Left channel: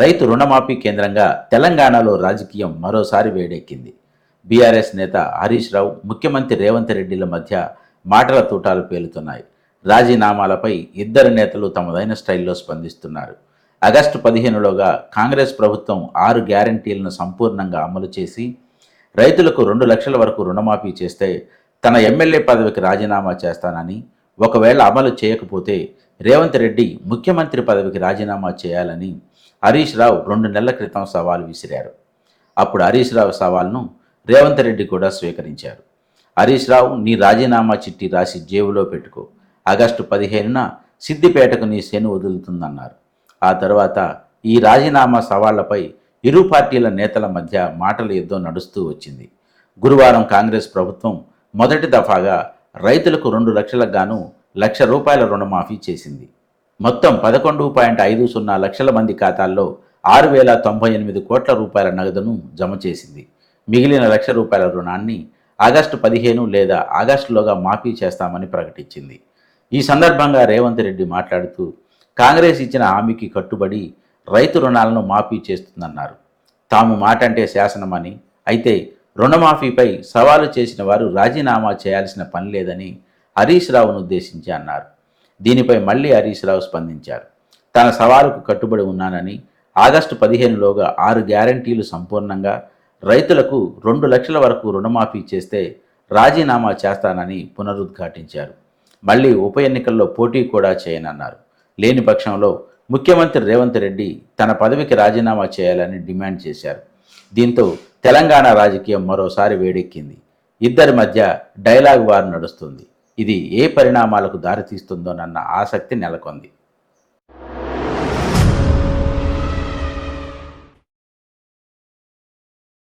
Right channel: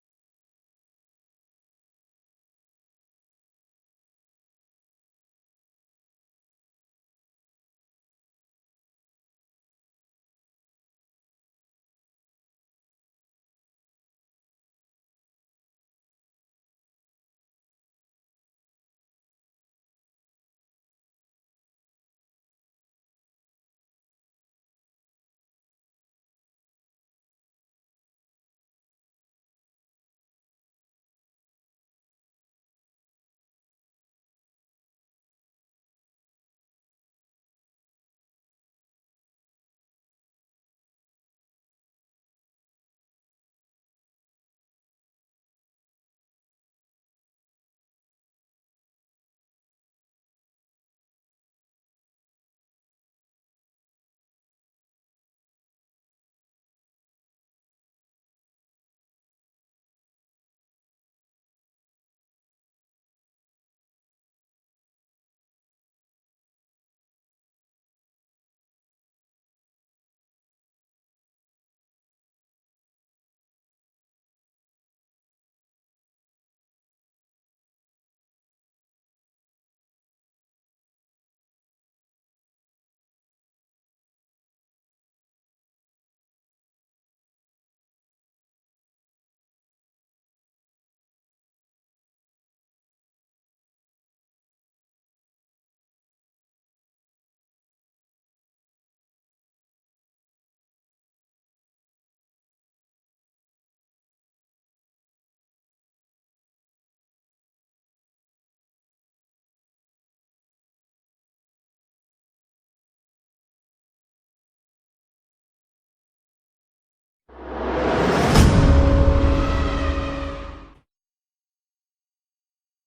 రైతు రుణమాఫీ కేంద్రంగా తెలంగాణలో రాజకీయం మరోసారి వేడెక్కింది. బీఆర్ఎస్ నేత హరీష్ రావు ముఖ్యమంత్రి రేవంత్ రెడ్డిల మధ్య మాటల తూటాలు పేలుతున్నాయి. రాజీనామాలపై ఇద్దరు నేతలు తమదైన స్టైల్లో స్పందిస్తున్నారు. ఆగస్టు పదిహేనులోగా కాంగ్రెస్ ప్రభుత్వం ఆరు గ్యారంటీలను సంపూర్ణంగా అమలు చేసి రైతులకు రెండు లక్షల వరకు రుణమాఫీ చేస్తే తన ఎమ్మెల్యే పదవికి రాజీనామా చేస్తానని ఒకవేళ అమలు చేయకపోతే రేవంత్ రెడ్డి ముఖ్యమంత్రి పదవికి రాజీనామా చేయాలని హరీష్ రావు రెండు నెలల క్రితం సవాల్ విసిరారు. అప్పుడు హరీష్ రావు సవాల్ను రేవంత్ రెడ్డి కూడా స్వీకరించారు. హరీష్ రావు నీ రాజీనామా చిట్టి రాసి జేబులో పెట్టుకో. ఆగస్టు పదిహేనున సిద్దిపేటకు నీ శని వదులుతుందన్నారు. ఆ తర్వాత ఈ రాజీనామా సవాళ్ళపై ఇరు పార్టీల నేతల మధ్య మాటల యుద్ధం నడుస్తూ వచ్చింది. గురువారం కాంగ్రెస్ ప్రభుత్వం మొదటి దఫాగా రైతులకు రెండు లక్షలకు గాను లక్ష రూపాయల రుణమాఫీ చేసింది. మొత్తం పదకొండు పాయింట్ ఐదు సున్నా లక్షల మంది ఖాతాల్లో ఆరు వేల తొంభై ఎనిమిది కోట్ల రూపాయల నగదును జమ చేసింది. మిగిలిన లక్ష రూపాయల రుణాన్ని ఆగస్టు పదిహేను లేదా ఆగస్టులోగా మాఫీ చేస్తామని ప్రకటించింది. ఈ సందర్భంగా రేవంత్ రెడ్డి మాట్లాడుతూ కాంగ్రెస్ ఇచ్చిన హామీకి కట్టుబడి రైతు రుణాలను మాఫీ చేస్తుందన్నారు. తాము మాటంటే శాసనమని అయితే రుణమాఫీపై సవాలు చేసిన వారు రాజీనామా చేయాల్సిన పని లేదని హరీష్ రావును ఉద్దేశించి అన్నారు. దీనిపై మళ్ళీ హరీష్ రావు స్పందించారు. తన సవాలుకు కట్టుబడి ఉన్నానని ఆగస్టు పదిహేనులోగా ఆరు గ్యారంటీలు సంపూర్ణంగా రైతులకు రెండు లక్షల వరకు రుణమాఫీ చేస్తే రాజీనామా చేస్తానని పునరుద్ఘాటించారు. మళ్ళీ ఉప ఎన్నికల్లో పోటీ కూడా చేయనన్నారు. లేని పక్షంలో ముఖ్యమంత్రి రేవంత్ రెడ్డి తన పదవికి రాజీనామా చేయాలని డిమాండ్ చేశారు. దీంతో తెలంగాణ రాజకీయం మరోసారి వేడెక్కింది. ఇద్దరి మధ్య డైలాగ్ వార్ నడుస్తుంది. ఇది ఏ పరిణామాలకు దారితీస్తుందోనన్న ఆసక్తి నెలకొంది.